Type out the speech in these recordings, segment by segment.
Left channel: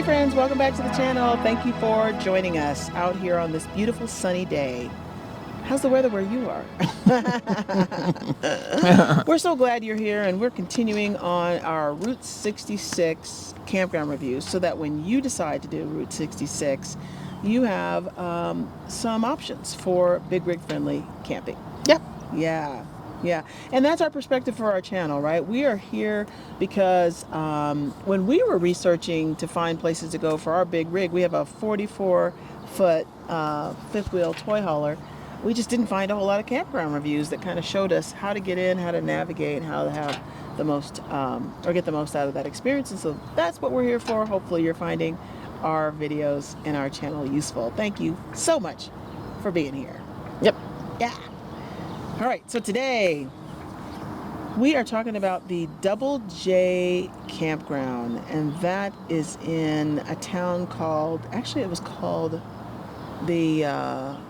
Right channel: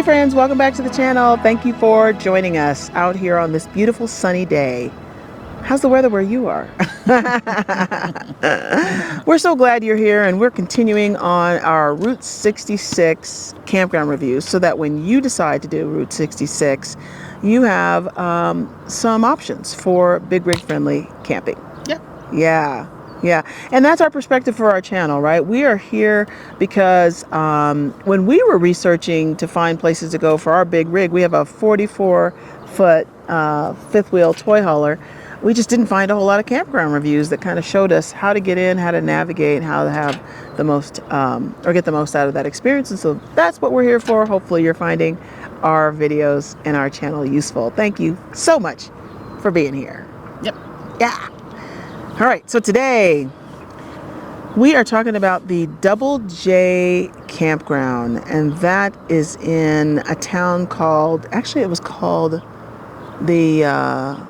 Hey friends, welcome back to the channel. Thank you for joining us out here on this beautiful sunny day. How's the weather where you are? We're so glad you're here, and we're continuing on our Route 66 campground reviews so that when you decide to do Route 66, you have some options for big rig friendly camping. Yeah. And that's our perspective for our channel, right? We are here because when we were researching to find places to go for our big rig, we have a 44-foot fifth wheel toy hauler. We just didn't find a whole lot of campground reviews that kind of showed us how to get in, how to navigate, how to have the most or get the most out of that experience. And so that's what we're here for. Hopefully you're finding our videos and our channel useful. Thank you so much for being here. Yep. Yeah. All right, so today we are talking about the Double J Campground, and that is in a town called, actually it was called the,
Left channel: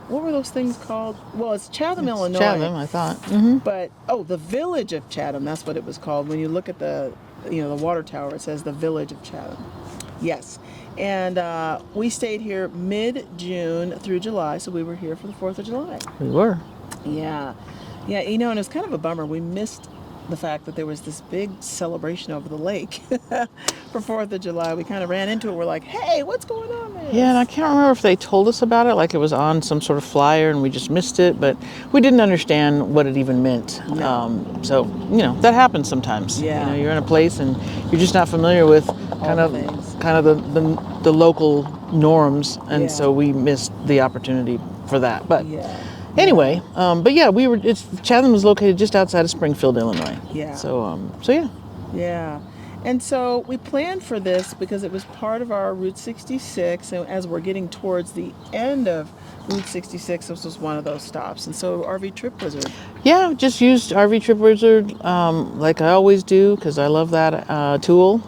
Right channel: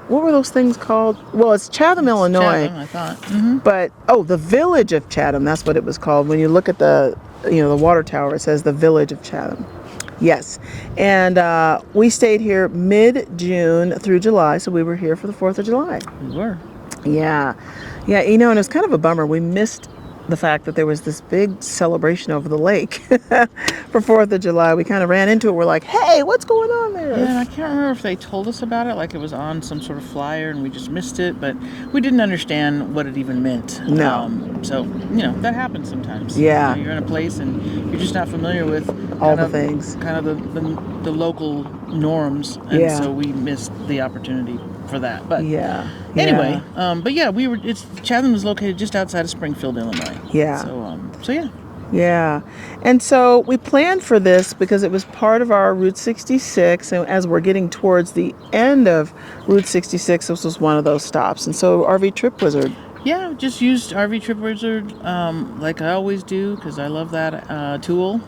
what were those things called? Well, it's Chatham, Illinois. Chatham, I thought. But, the Village of Chatham, that's what it was called. When you look at the water tower, it says the Village of Chatham. Yes, and we stayed here mid-June through July, so we were here for the 4th of July. We were. Yeah, and it was kind of a bummer. We missed the fact that there was this big celebration over the lake for 4th of July. We kind of ran into it. We're like, hey, what's going on there? Yeah, and I can't remember if they told us about it, like it was on some sort of flyer and we just missed it, but we didn't understand what it even meant. No. So, that happens sometimes. Yeah. You're in a place and you're just not familiar with all the things. Kind of the local norms, and Yeah. so we missed the opportunity for that. But Yeah. anyway, Chatham is located just outside of Springfield, Illinois. Yeah. So yeah. Yeah. And so we planned for this because it was part of our Route 66. And as we're getting towards the end of Route 66, this was one of those stops. And so RV Trip Wizard. Yeah, just used RV Trip Wizard like I always do because I love that tool.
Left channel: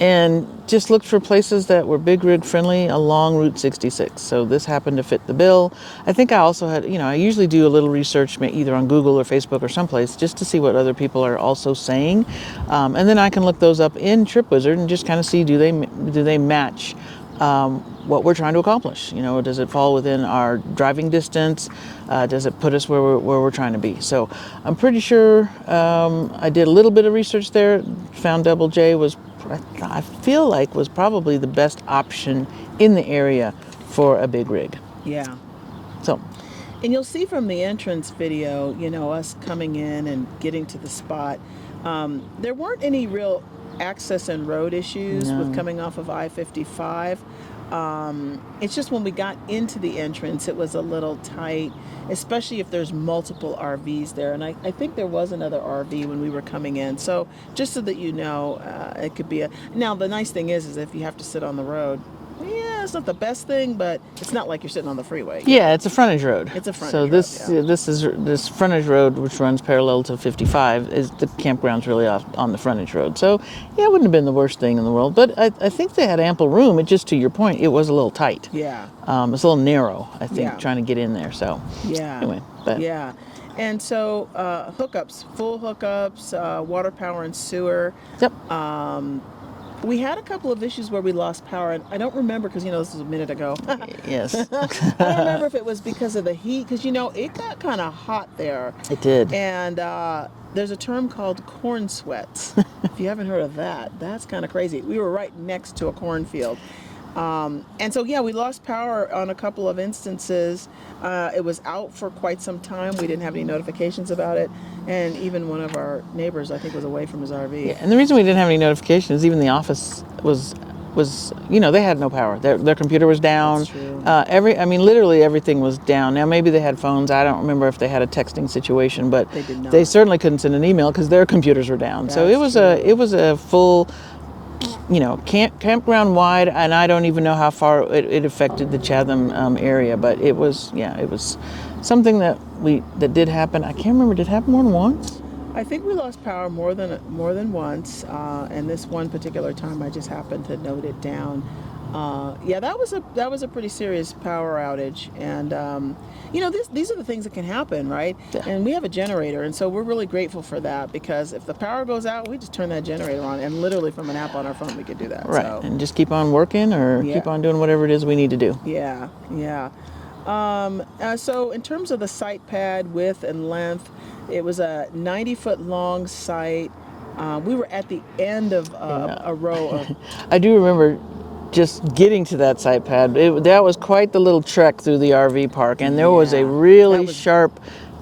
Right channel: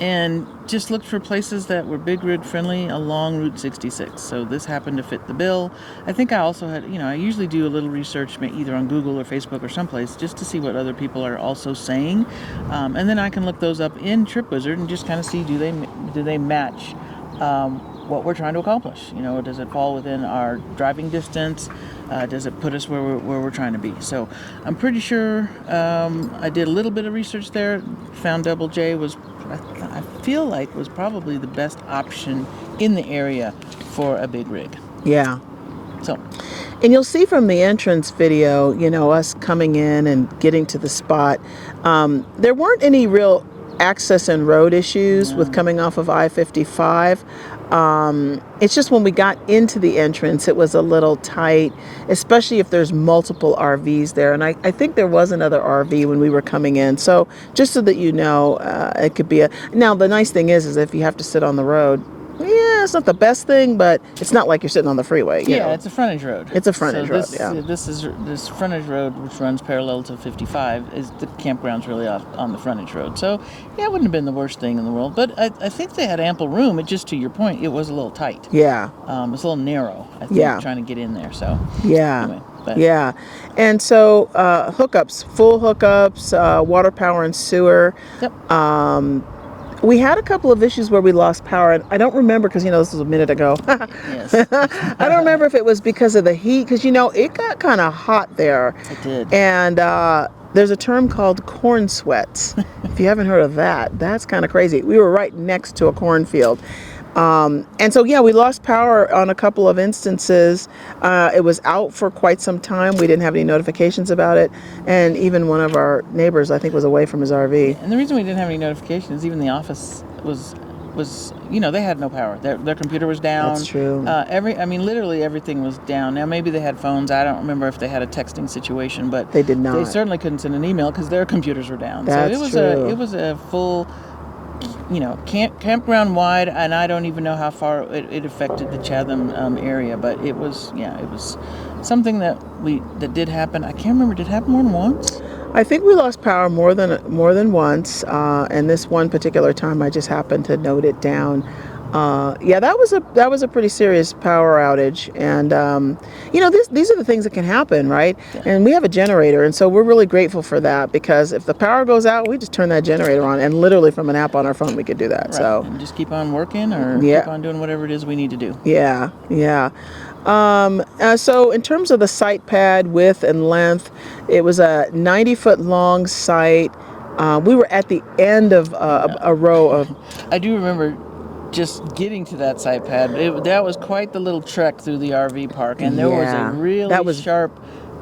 And just looked for places that were big rig friendly along Route 66. So this happened to fit the bill. I think I also had, I usually do a little research either on Google or Facebook or someplace just to see what other people are also saying. And then I can look those up in Trip Wizard and just kind of see do they match what we're trying to accomplish. Does it fall within our driving distance? Does it put us where we're trying to be? So I'm pretty sure I did a little bit of research there, found Double J I feel like was probably the best option in the area for a big rig. Yeah. So, and you'll see from the entrance video, us coming in and getting to the spot, there weren't any real access and road issues with coming off of I-55. It's just when we got into the entrance, it was a little tight, especially if there's multiple RVs there. And I think there was another RV when we were coming in. So just so that it could be now the nice thing is if you have to sit on the road, yeah, it's not the best thing, but it's not like you're sitting on the freeway. Yeah, it's a frontage road. It's a frontage road. This frontage road, which runs parallel to 55, is the campground's really off on the frontage road. So yeah, it wouldn't have been the worst thing in the world. But I think they had ample room. It just, to your point, it was a little tight. Yeah. It's a little narrow, I think, trying to get in there. So yeah. Anyway, yeah. And so hookups, full hookups, water, power, and sewer. Yep. We had a couple of issues where we lost power, and I don't remember because, this was a minute ago. Yes. I don't remember if it was because of the heat, because, it got kind of hot there. It did. And there's a term called corn sweats. If you haven't heard of that, that's kind of crazy. We were right next to a cornfield. And so, we lost power on a couple of instances. It was out for quite some time. We didn't have any notifications about it. And even one of our neighbors, I think, was away from his RV. Yeah, and the reason we didn't have any notifications, even the office was they had no power. Their computer was down. That's true. Literally everything was down. Now, maybe they had phones. I don't remember if they had a texting situation, but they did not. They certainly couldn't send an email because their computers were down. That's so true. it was a full campground wide, and I don't even know how far it affected the Chatham area, but it was something that did happen. I can't remember, did it happen more than once? I think we lost power more than once, and this one particular time I just happened to note it down. Yeah, that was a pretty serious power outage, and these are the things that can happen, right? Yeah. And we have a generator, and so we're really grateful for that, because if the power goes out, we just turn that generator on, and literally from an app on our phone we could do that. Right. So And just keep on working, or Yeah. keep on doing whatever it is we need to do. yeah, yeah. So in terms of the site pad width and length, it was a 90-foot long site. We were at the end of a row of. I do remember just getting to that site pad. That was quite the little trek through the RV park, and there was a Yeah, really that was- sharp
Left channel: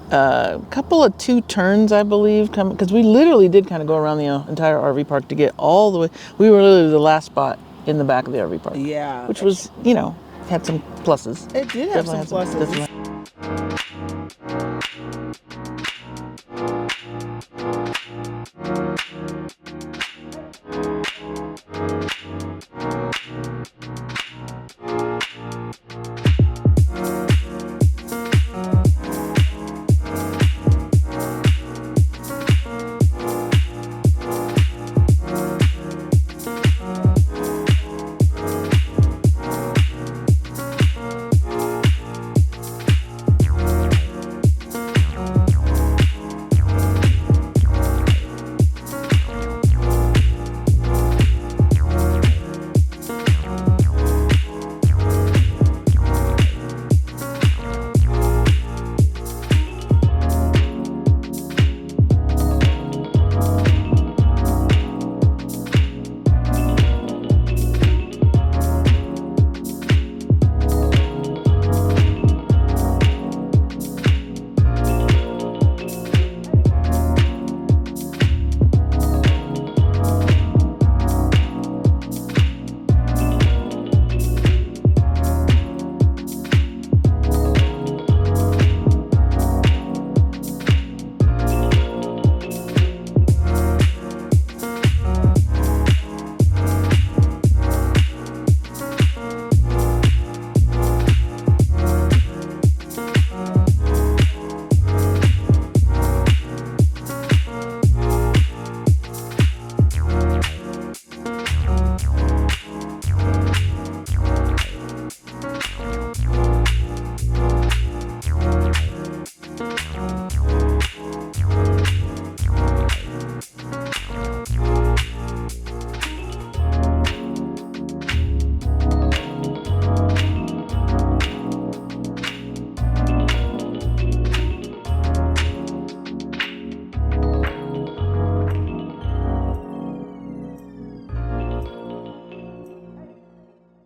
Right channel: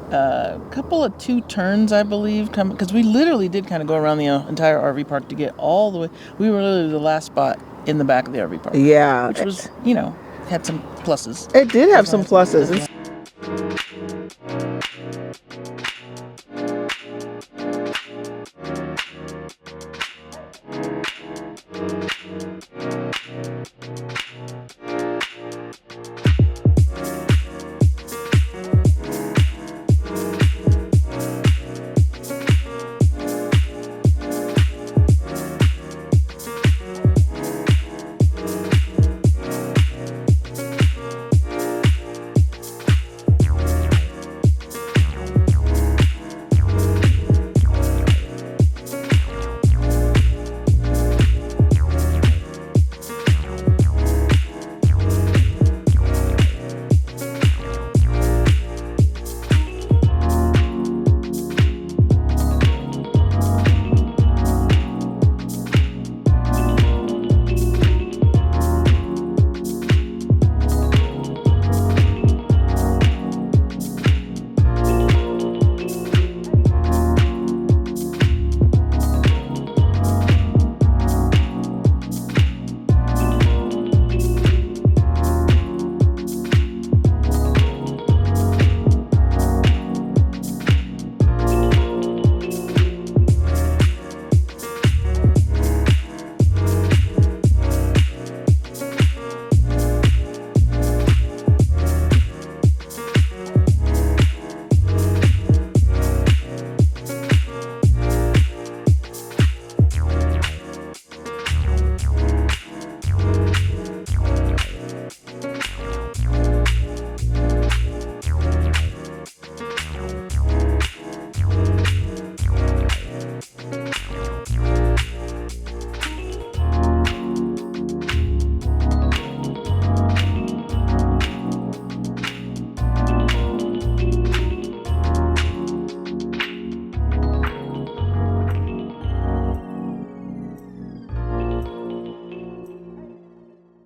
couple of 2 turns, I believe, because we literally did kind of go around the entire RV park to get all the way. We were literally the last spot in the back of the RV park. Yeah, Which was, had some pluses. it did have some pluses.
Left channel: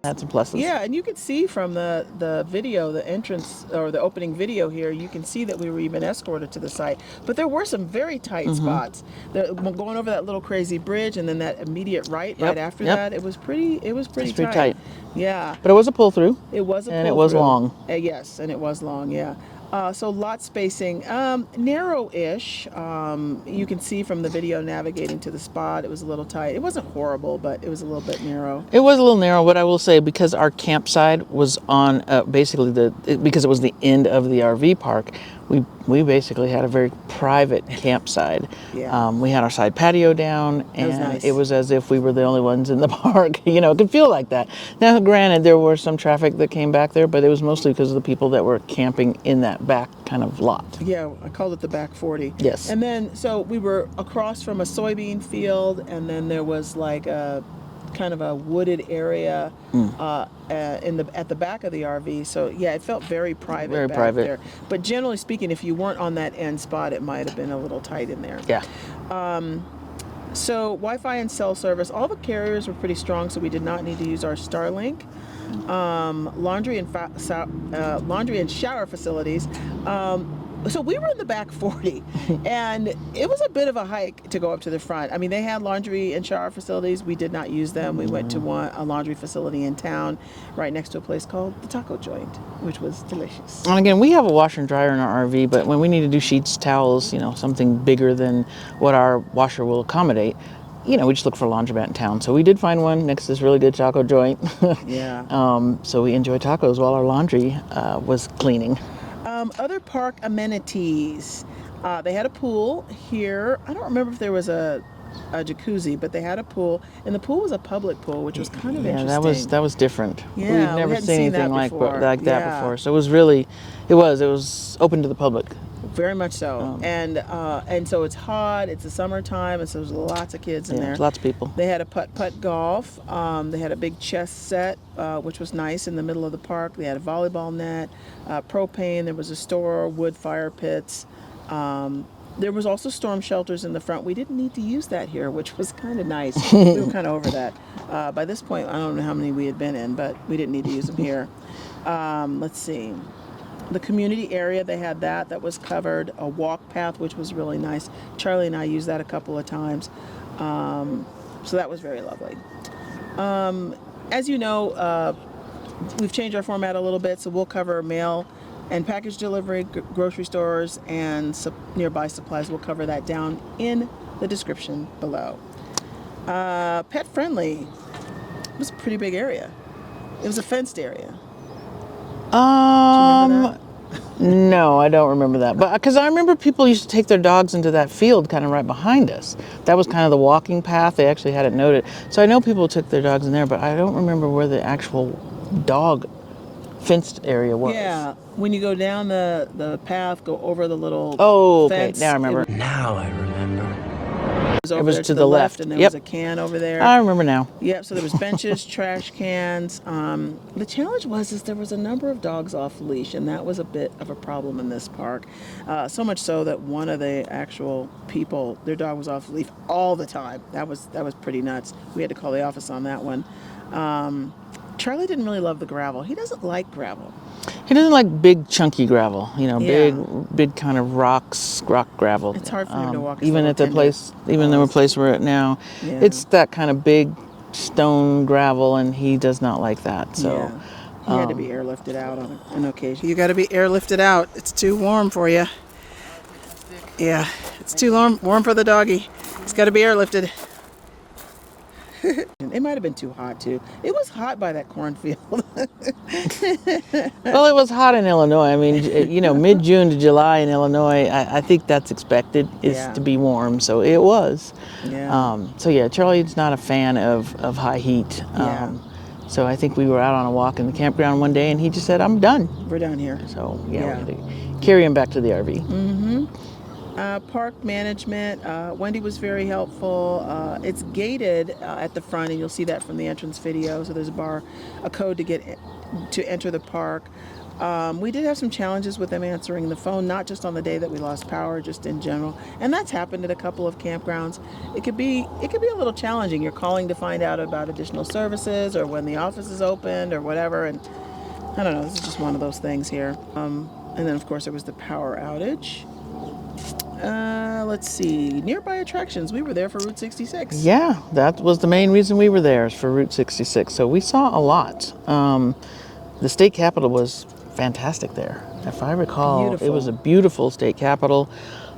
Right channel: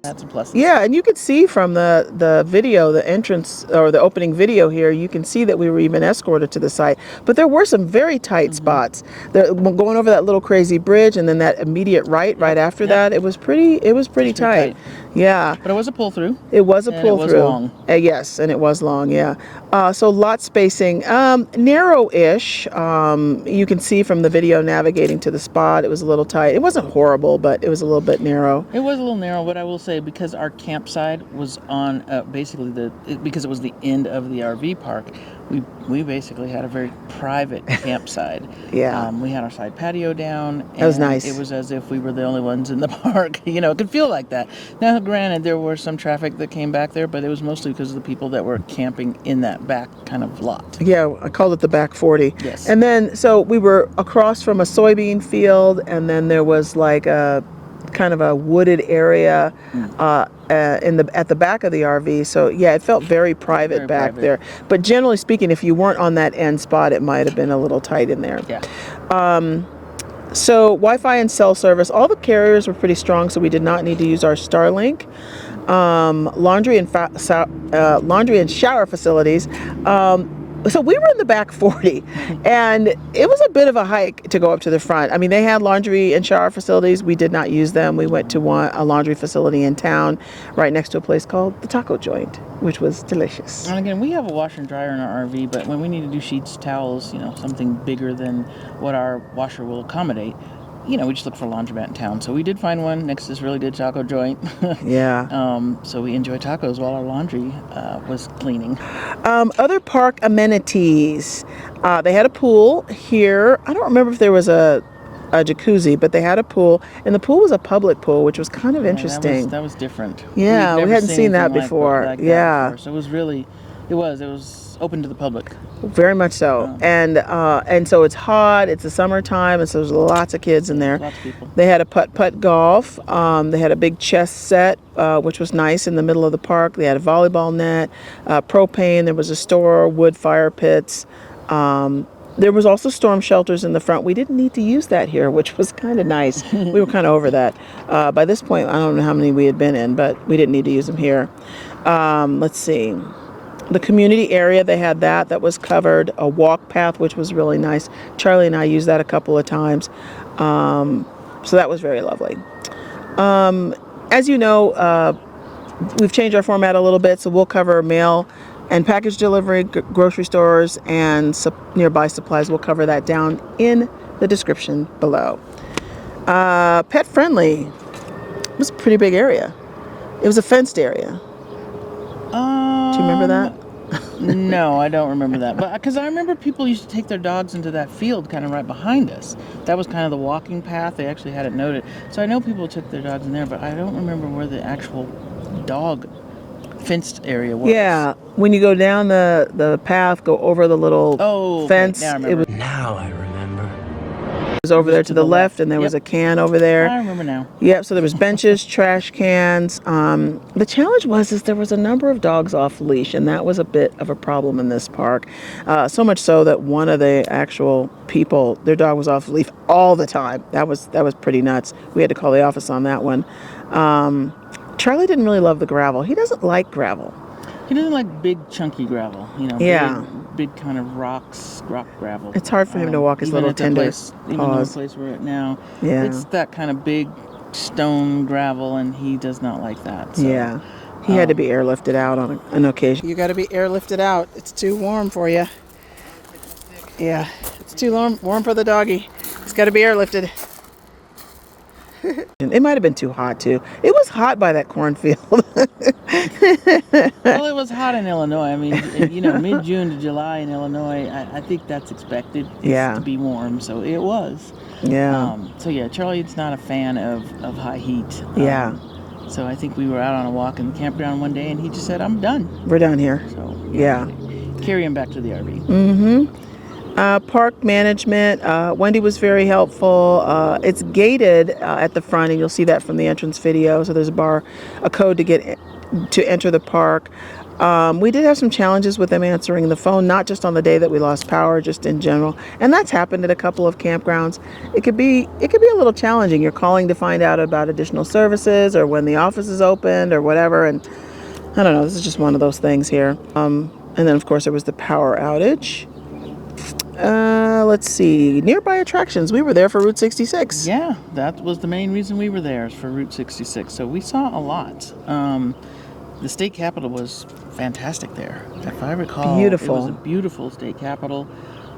Had some pluses. Yeah, and you could see from the video, the entrance or the opening video here, you can see that we were even escorted to the site. But there were some very tight spots. Going over that little crazy bridge, and then that immediate right after that, it was pretty tight. Yeah. But it was a pull through. It was a pull through. And it was long. Yes, and it was long, yeah. So lot spacing, narrow-ish. You can see from the video navigating to the spot, it was a little tight. It wasn't horrible, but it was a little bit narrow. It was a little narrow, but I will say, because our campsite was on basically because it was the end of the RV park, we basically had a very private campsite. Yeah. We had our side patio down. And that was nice. It was as if we were the only ones in the park. It could feel like that. Now, granted, there was some traffic that came back there, but it was mostly because of the people that were camping in that back kind of lot. Yeah, I called it the back 40. Yes. And then, so we were across from a soybean field, and then there was like a kind of a wooded area at the back of the RV. So yeah, it felt very private back there. But generally speaking, if you weren't on that end spot, it might have been a little tight in there. Yeah. So Wi-Fi and cell service, all the carriers were pretty strong, so we did not need to use our Starlink. Laundry and shower facilities. So we were in the back 40, and it was a bit of a hike to go up to the front. I mean, they had laundry and shower facilities. We did not use them. We went to a laundry facility in town right next to a place called the Taco Joint, which was delicious. And again, we have a washer and dryer in our RV, but when we need to do sheets, towels, something bigger than what our washer will accommodate, we just look for a laundromat in town. So we did find one next to this really good taco joint. Yeah. So we enjoyed tacos while our laundry was cleaning. Other park amenities. They had a pool here. I don't remember if there was a a jacuzzi, but they had a pool, and the pool was a public pool, which was kind of interesting. That was different. Yeah, We'd we never hadn't seen that anything before. Like Yeah. that before. So it was open to the public. Very much so. And so it's hot, it's the summertime, and so there's lots of kids in there. Lots of people. They had a putt-putt golf. They had a big chess set, which was nice, in the middle of the park. They had a volleyball net, propane. There was a store, wood fire pits. There was also storm shelters in the front. We didn't need to use that here, which was kind of nice. We were kind of over that. By this point, I don't know how many we had been in, but we didn't need to use them here. Let's see. The community area, they had that was covered, a walk path, which was really nice. Charlie and I used that a couple of times. So that was very lovely. As you know, we've changed our format a little bit, so we'll cover mail and package delivery, grocery stores, and nearby supplies. We'll cover that down in the description below. Pet friendly. It was a pretty big area. It was a fenced area. Do you remember that? No, I don't remember that. But because I remember people used to take their dogs into that field kind of right behind us. That was kind of the walking path. They actually had it noted. So I know people took their dogs in there, but I don't remember where the actual dog fenced area was. Yeah, when you go down the path, go over the little fence. Now I remember. Now I remember. It was over there to the left, and there was a can over there. I remember now. Yep, so there was benches, trash cans. The challenge was there was a number of dogs off leash, and that was a bit of a problem in this park. So much so that one of the actual people, their dog was off leash all the time. That was pretty nuts. We had to call the office on that one. Charlie didn't really love the gravel. He doesn't like gravel. He doesn't like big chunky gravel, big kind of rock gravel. It's hard for him to walk his even little at the tender place, even the place we're at now. Yeah. It's that kind of big stone gravel, and he does not like that. So, yeah, he had to be airlifted out on an occasion. You got to be airlifted out. It's too warm for you. Yeah, it's too warm for the doggy. He's got to be airlifted. It might have been too hot too. It was hot by that cornfield. Well, it was hot in Illinois. I mean, mid-June to July in Illinois, I think that's expected to be warm. So it was. Yeah. Charlie's not a fan of high heat. Yeah. So I think we were out on a walk in the campground one day, and he just said, "I'm done. We're done here." So yeah. Carry him back to the RV. Mm-hmm. Park management, Wendy was very helpful. It's gated at the front, and you'll see that from the entrance video. So there's a code to enter the park. We did have some challenges with them answering the phone, not just on the day that we lost power, just in general. And that's happened at a couple of campgrounds. It could be a little challenging. You're calling to find out about additional services or when the office is opened or whatever. And I don't know, this is just one of those things here. And then of course there was the power outage. Let's see, nearby attractions. We were there for Route 66. Yeah, that was the main reason we were there, is for Route 66. So we saw a lot. The state capitol was fantastic there. If I recall, beautiful. It was a beautiful state capitol.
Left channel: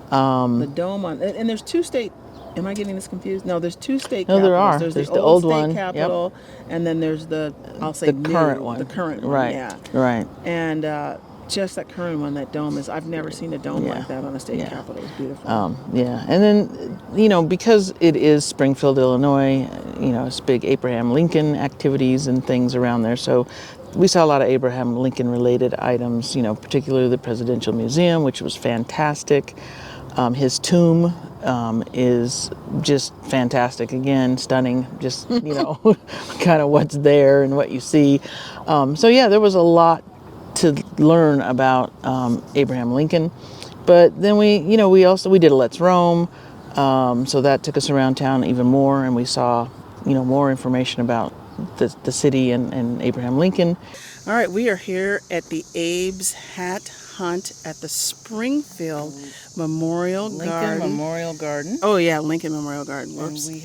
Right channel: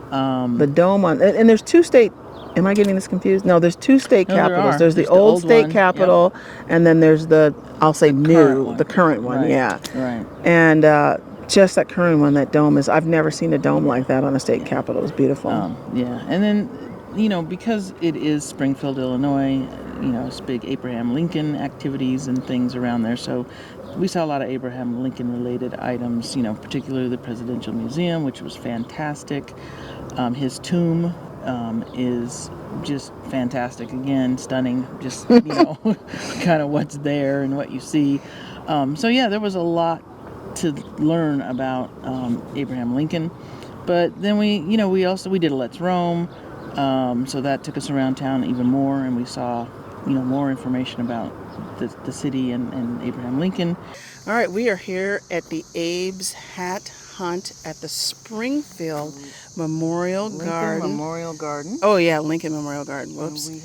The dome and there's two state. Am I getting this confused? No, there's two state capitals. There are. There's the old state one. capitol, and then there's the current one. Right. Yeah. Right. And just that current one, that dome I've never seen a dome like that on a state capitol. It was beautiful. Yeah. And then, because it is Springfield, Illinois, it's big Abraham Lincoln activities and things around there. So we saw a lot of Abraham Lincoln related items, particularly the Presidential Museum, which was fantastic. His tomb is just fantastic. Again, stunning, just, kind of what's there and what you see. There was a lot to learn about Abraham Lincoln. But then we did a Let's Roam. So that took us around town even more, and we saw, more information about the city and Abraham Lincoln. All right, we are here at the Abe's Hat Hunt at the Springfield Memorial Garden. Lincoln Memorial Garden. Oh yeah, Lincoln Memorial Garden. Whoops. And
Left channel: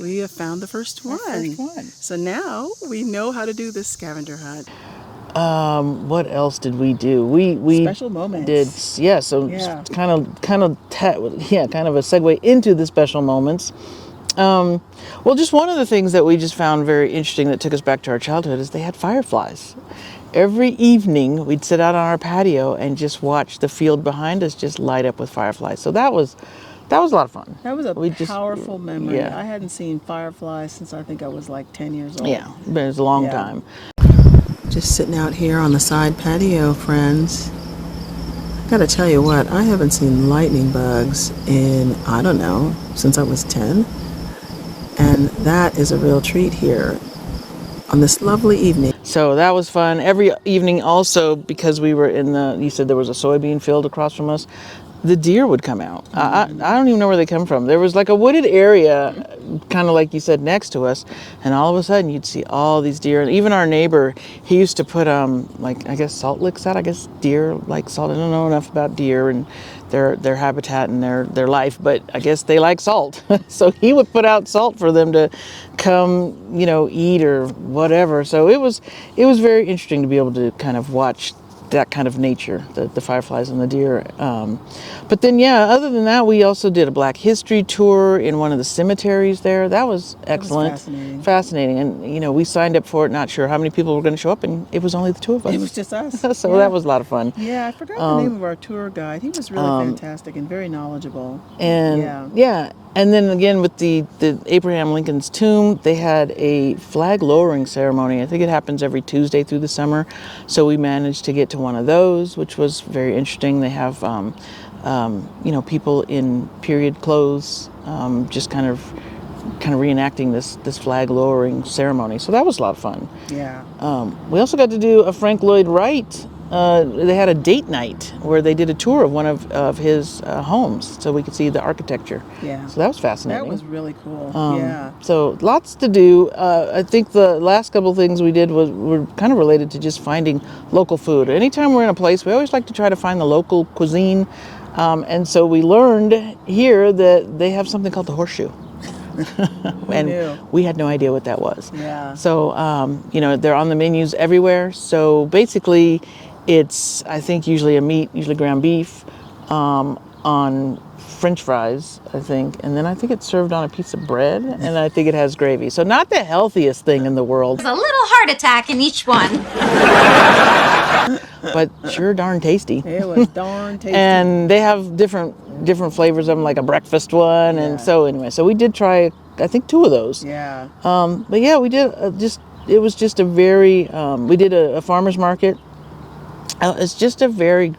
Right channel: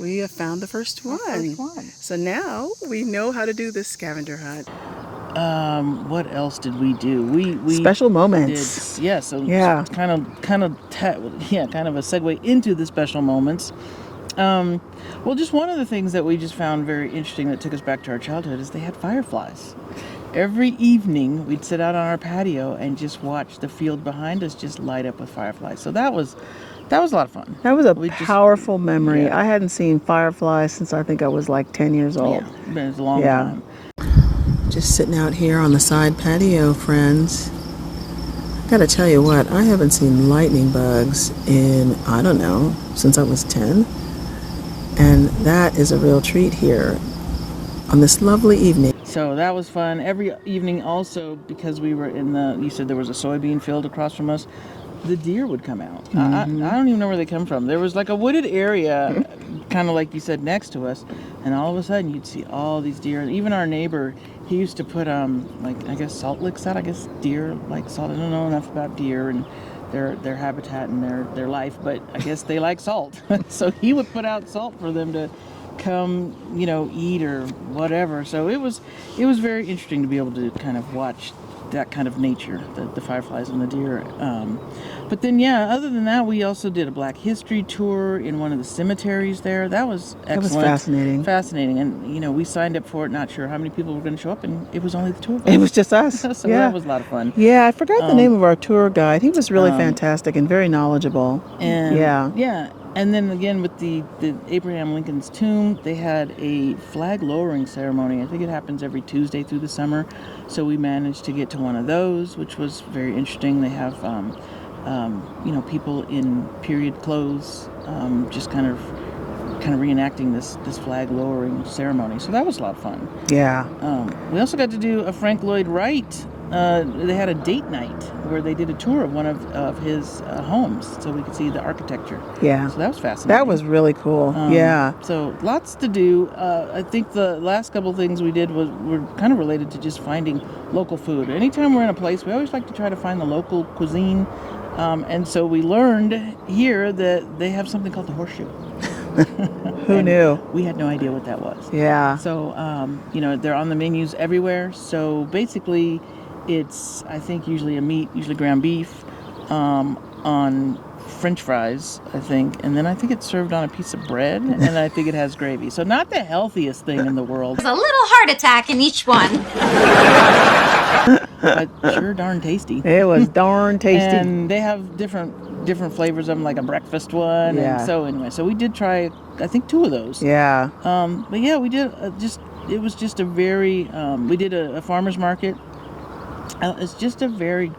we have found the first one. one. So now we know how to do this scavenger hunt. What else did we do? We special moments. Kind of a segue into the special moments. Just one of the things that we just found very interesting that took us back to our childhood is they had fireflies. Every evening we'd sit out on our patio and just watch the field behind us just light up with fireflies. So that was that was a lot of fun. That was a We just- powerful memory. yeah. I hadn't seen fireflies since I think I was like 10 years old. Yeah, but it's a long Yeah. time. Just sitting out here on the side patio, friends. Gotta tell you what, I haven't seen lightning bugs in, I don't know, since I was 10. And that is a real treat here on this lovely evening. So that was fun. Every evening also, because we were in you said there was a soybean field across from us, the deer would come out. I don't even know where they come from. There was like a wooded area, kind of like you said, next to us, and all of a sudden you'd see all these deer. And even our neighbor, he used to put like, I guess, salt licks out. I guess deer like salt. I don't know enough about deer and their habitat and their life, but I guess they like salt. So he would put out salt for them to come, eat or whatever. So it was very interesting to be able to kind of watch that kind of nature, the fireflies and the deer. But then, other than that, we also did a Black History tour in one of the cemeteries there. That was excellent. That was fascinating. Fascinating. And, we signed up for it, not sure how many people were going to show up, and it was only the two of us. It was just us. So that was a lot of fun. Yeah, I forgot the name of our tour guide. He was really fantastic and very knowledgeable. And yeah. And then again with the Abraham Lincoln's tomb, they had a flag lowering ceremony. I think it happens every Tuesday through the summer. So we managed to get to one of those, which was very interesting. They have, people in period clothes, just kind of reenacting this flag lowering ceremony. So that was a lot of fun. Yeah. We also got to do a Frank Lloyd Wright. They had a date night where they did a tour of one of his homes, so we could see the architecture. Yeah. So that was fascinating. That was really cool. Yeah. So lots to do. I think the last couple of things we did were kind of related to just finding local food. Anytime we're in a place, we always like to try to find the local cuisine. And so we learned here that they have something called the horseshoe. Who knew? We had no idea what that was. Yeah. So, they're on the menus everywhere. So basically, it's, I think, usually a meat, usually ground beef, on French fries, I think. And then I think it's served on a piece of bread, and I think it has gravy. So not the healthiest thing in the world. There's a little heart attack in each one. But sure darn tasty. It was darn tasty. And they have different flavors of them, like a breakfast one. Yeah. And so anyway, so we did try, I think, 2 of those. Yeah. But yeah, we did it was just a very, we did a farmer's market. It's just a very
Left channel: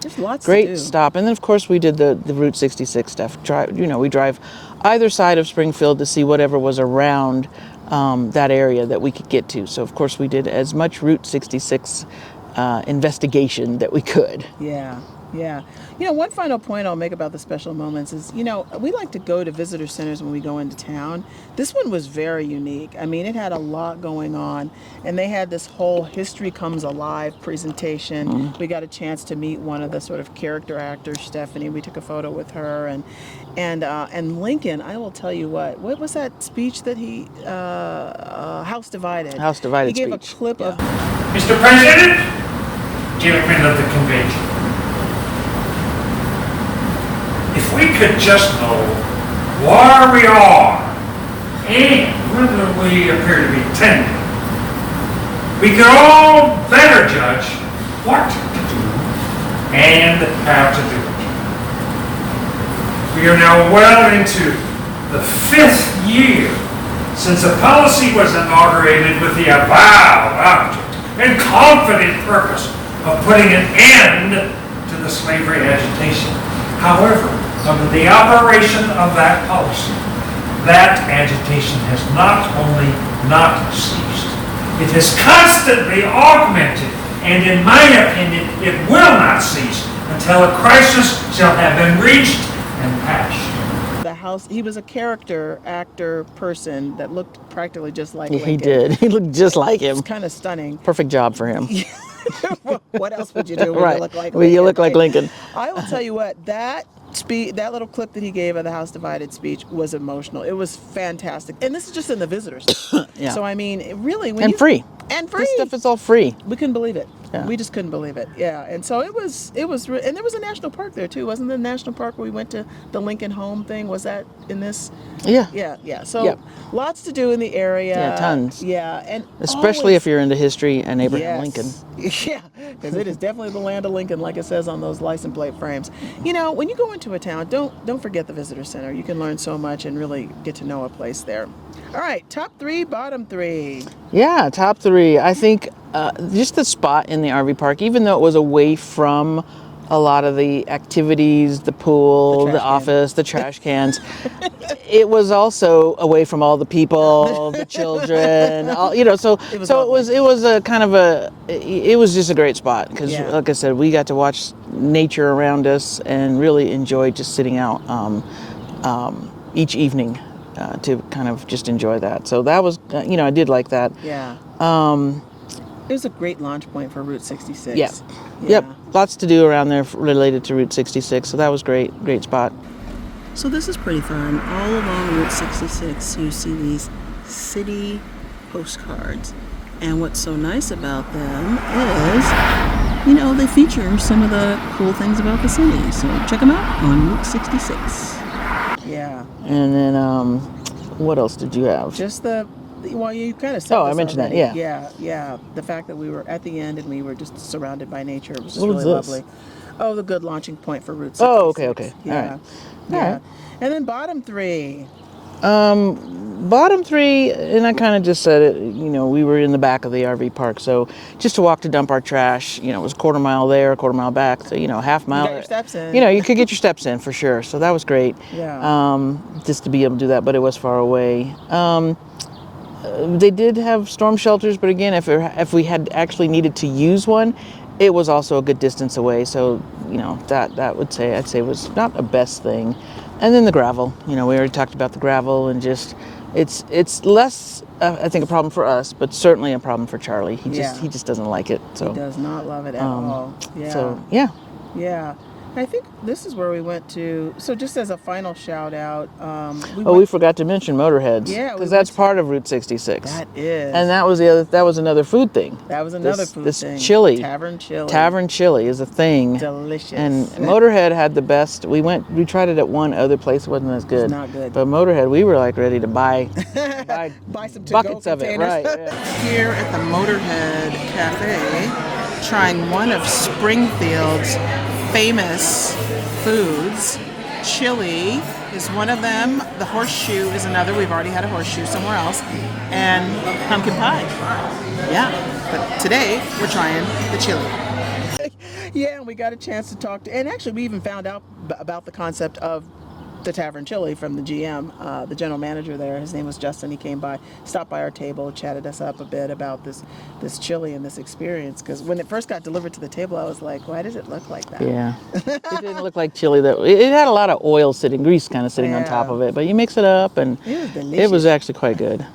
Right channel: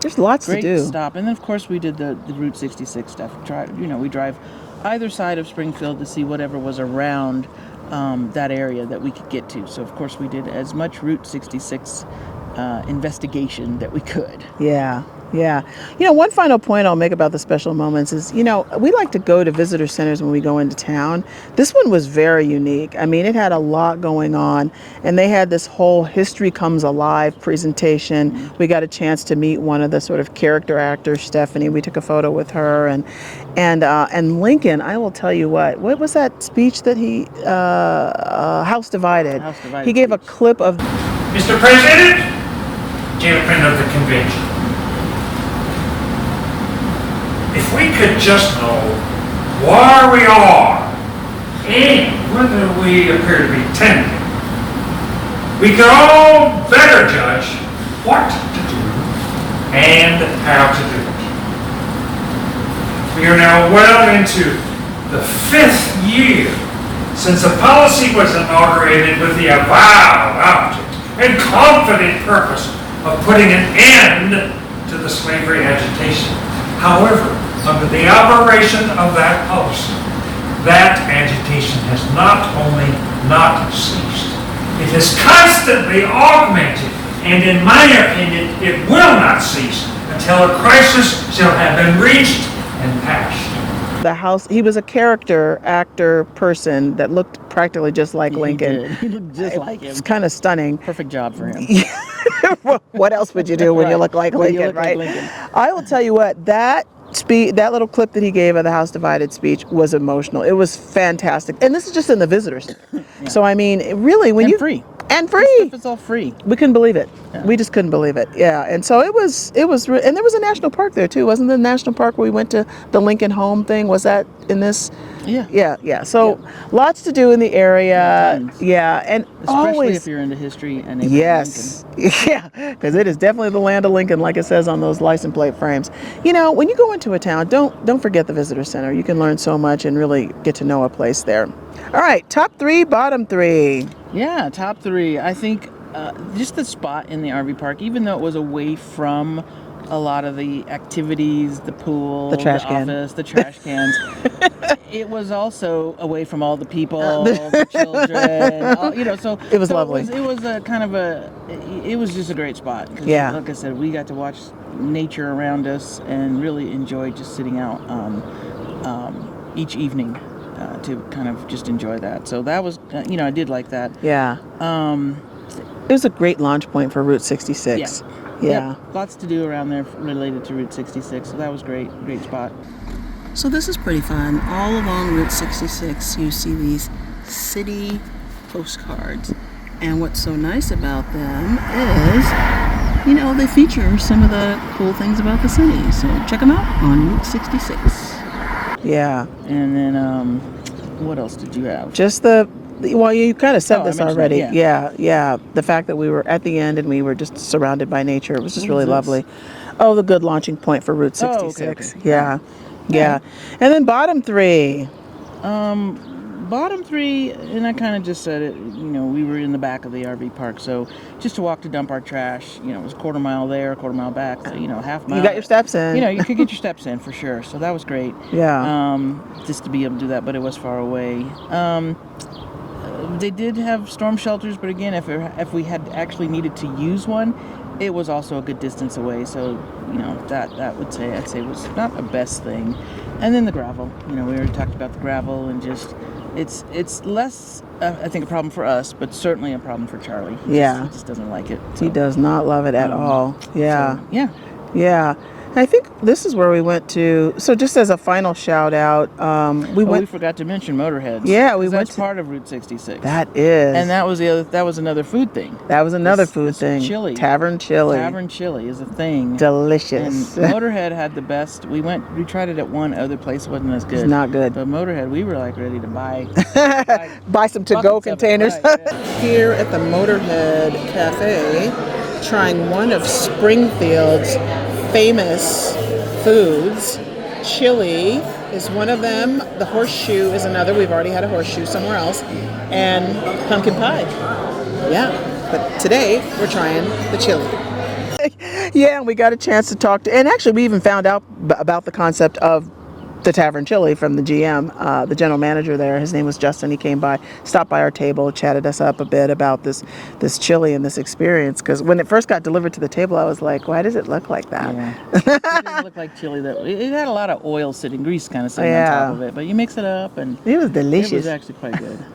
There's lots great to do. stop. And then of course we did the Route 66 stuff. We drive either side of Springfield to see whatever was around that area that we could get to. So of course we did as much Route 66 investigation that we could. Yeah. Yeah. One final point I'll make about the special moments is, we like to go to visitor centers when we go into town. This one was very unique. I mean, it had a lot going on, and they had this whole History Comes Alive presentation. We got a chance to meet one of the sort of character actors, Stephanie. We took a photo with her, and Lincoln. I will tell you what was that speech that he House Divided. House Divided He gave speech. a clip of Mr. President, gentlemen of the convention, if we could just know where we are and whether we appear to be tending, we could all better judge what to do and how to do it. We are now well into the 5th year since a policy was inaugurated with the avowed object and confident purpose of putting an end to the slavery agitation. However, under the operation of that policy, that agitation has not only not ceased, it has constantly augmented, and in my opinion, it will not cease until a crisis shall have been reached and passed. the House. He was a character actor person that looked practically just like Yeah, Lincoln. he did. He looked just like him. It's kind of stunning. Perfect job for him. What else would you do when you Right. look like When Lincoln? you look like right? Lincoln. I will tell you what, that little clip that he gave of the House Divided speech was emotional. It was fantastic. And this is just in the visitors. Yeah. So I mean, really, when And you free. and This free, stuff is all free. we couldn't believe it. We just couldn't believe it. Yeah. And so and there was a national park there too. Wasn't there a national park where we went to the Lincoln Home thing? Was that in this? Yeah. Yeah. So lots to do in the area. Yeah, tons. Yeah. And Especially always, if you're into history and Abraham Lincoln. Yeah, because it is definitely the land of Lincoln, like it says on those license plate frames. You know, when you go into a town, don't forget the visitor center. You can learn so much and really get to know a place there. All right, top 3, bottom 3. Yeah, top 3. I think just the spot in the RV park, even though it was away from a lot of the activities, the pool, the office, the trash cans. It was also away from all the people, the children, so it was just a great spot because, like I said, we got to watch nature around us and really enjoy just sitting out each evening to kind of just enjoy that. So that was, I did like that. Yeah. It was a great launch point for Route 66. Yeah. Yep. Lots to do around there related to Route 66. So that was great spot. So this is pretty fun. All along Route 66, you see these city postcards. And what's so nice about them is, they feature some of the cool things about the city. So check them out on Route 66. Yeah. And then, what else did you have? Just you kind of said this already. That, yeah. The fact that we were at the end and we were just surrounded by nature. It was just really lovely. Oh, the good launching point for Route 66. Oh, okay. Yeah. Right. Yeah. And then bottom 3. Bottom 3, and I kind of just said it, we were in the back of the RV park. So just to walk to dump our trash, it was a quarter mile there, a quarter mile back, so, half mile. You got your steps in. You could get your steps in for sure. So that was great. Yeah. Just to be able to do that, but it was far away. They did have storm shelters, but again, if we had actually needed to use one, it was also a good distance away. So, that I'd say was not the best thing. And then the gravel, we already talked about the gravel and just, it's less, I think, a problem for us, but certainly a problem for Charlie. He just doesn't like it. So. He does not love it at all. Yeah. So, yeah. I think this is where we went to. So just as a final shout out, we forgot to mention Motorheads. Yeah, that's part of Route 66. That is. And that was another food thing. That was another food thing. Chili. Tavern chili. Tavern chili is a thing. Delicious. And Motorhead had the best. We tried it at one other place. It wasn't as good. It's not good. But Motorhead, we were like ready to buy some to-go containers. Right, yeah. Here at the Motorhead Cafe, trying one of Springfield's famous foods. Chili is one of them. The horseshoe is another. We've already had a horseshoe somewhere else. And pumpkin pie. Yeah. But today we're trying the chili. Yeah, and we got a chance to talk to, and actually we even found out about the concept of the Tavern Chili from the GM, the general manager there. His name was Justin. He came by, stopped by our table, chatted us up a bit about this chili and this experience. Because when it first got delivered to the table, I was like, why does it look like that? Yeah. It didn't look like chili. It had a lot of oil grease kind of sitting on top of it. But you mix it up, and it was delicious. It was actually quite good.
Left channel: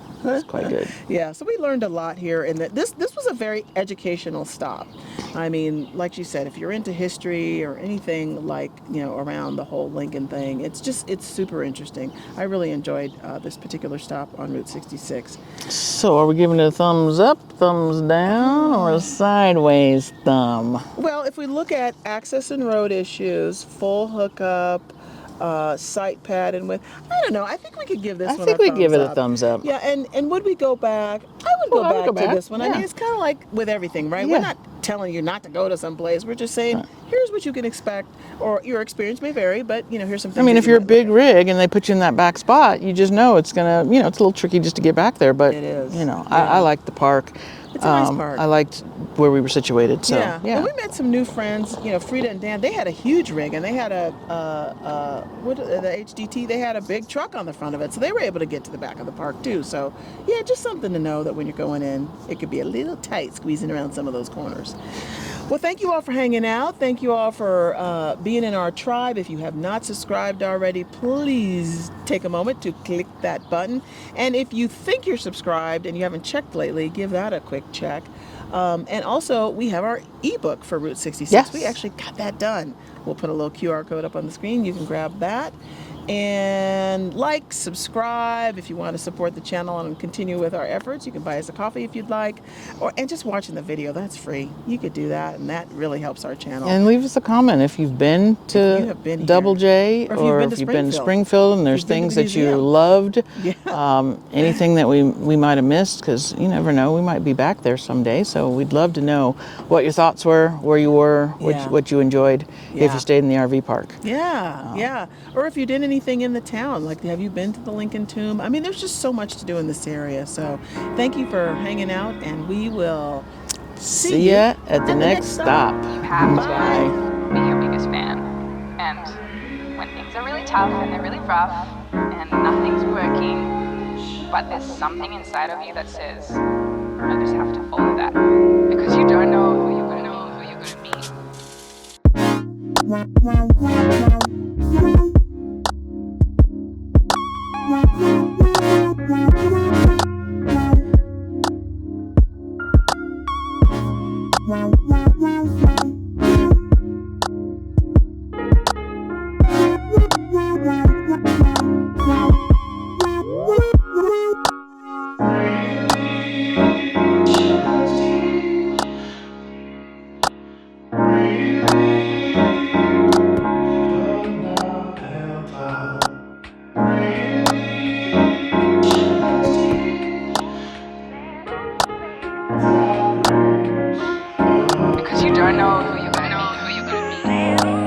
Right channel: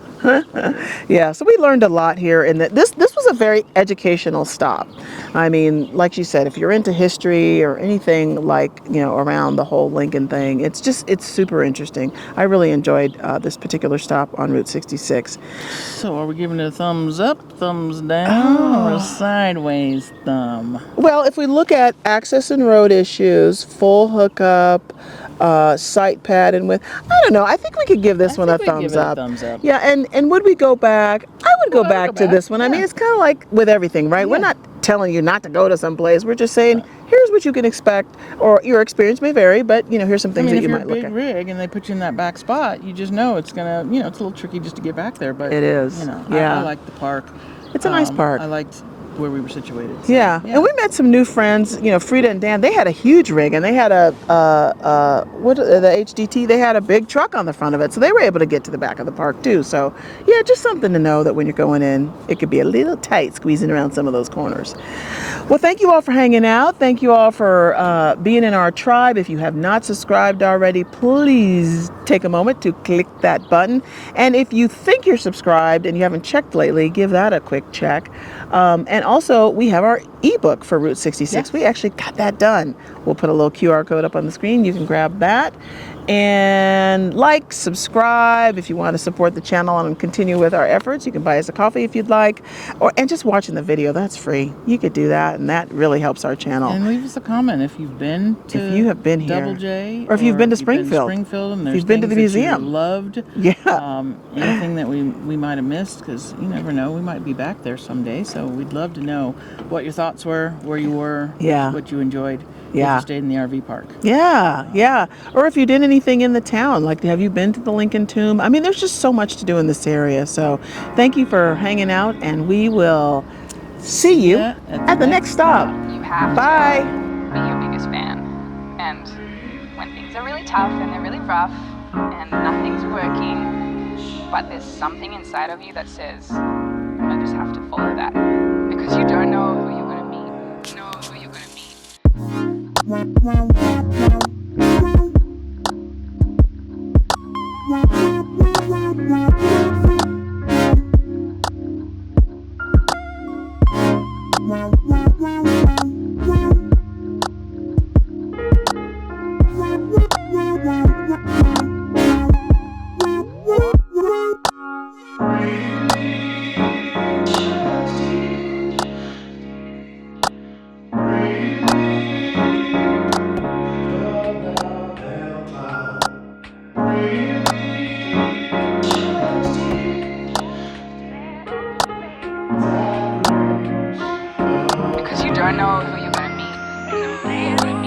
Yeah, so we learned a lot here, and this was a very educational stop. I mean, like you said, if you're into history or anything like around the whole Lincoln thing, it's super interesting. I really enjoyed this particular stop on Route 66. So, are we giving it a thumbs up, thumbs down, or sideways thumb? Well, if we look at access and road issues, full hookup, site pad and width. I don't know. I think we could give this one a thumbs up. Give it a thumbs up. Yeah, and would we go back? I would go back to this one. Yeah. I mean, it's kind of like with everything, right? Yeah. We're not telling you not to go to some place. We're just saying, here's what you can expect, or your experience may vary, but here's some things. I mean, if you're a big rig and they put you in that back spot, you just know it's gonna, it's a little tricky just to get back there. But it is. I like the park. It's a nice park. I liked where we were situated. So, yeah, and we met some new friends. Frida and Dan. They had a huge rig, and they had the HDT. They had a big truck on the front of it, so they were able to get to the back of the park too. So yeah, just something to know that when you're going in, it could be a little tight squeezing around some of those corners. Well, thank you all for hanging out. Thank you all for being in our tribe. If you have not subscribed already, please take a moment to click that button. And if you think you're subscribed and you haven't checked lately, give that a quick check. And also, we have our ebook for Route 66. Yes. We actually got that done. We'll put a little QR code up on the screen. You can grab that. And like, subscribe if you want to support the channel and continue with our efforts. You can buy us a coffee if you'd like, and just watching the video, that's free. You could do that, and that really helps our channel. And leave us a comment if you've been to If you have been here. Double J, Or if you've been to Springfield. and there's You've been to things the that you museum. loved. Yeah. Anything that we might have missed, because you never know, we might be back there someday. So we'd love to know what your thoughts were, where you were, what you enjoyed, if Yeah. you stayed in the RV park. Yeah. Or if you did anything in the town, like have you been to the Lincoln Tomb? I mean, there's just so much to do in this area. So thank you for hanging out, and we will see you ya at the next stop. You have Bye. to be your biggest fan. And when things are really tough and they're really rough and nothing's working, but there's something inside of you that says, I just have to follow that. Because you don't know who you're going to meet, who you're going to meet, who you're going to meet. Because you don't know who you're going to meet, who you're going to meet.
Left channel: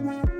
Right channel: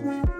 Wow.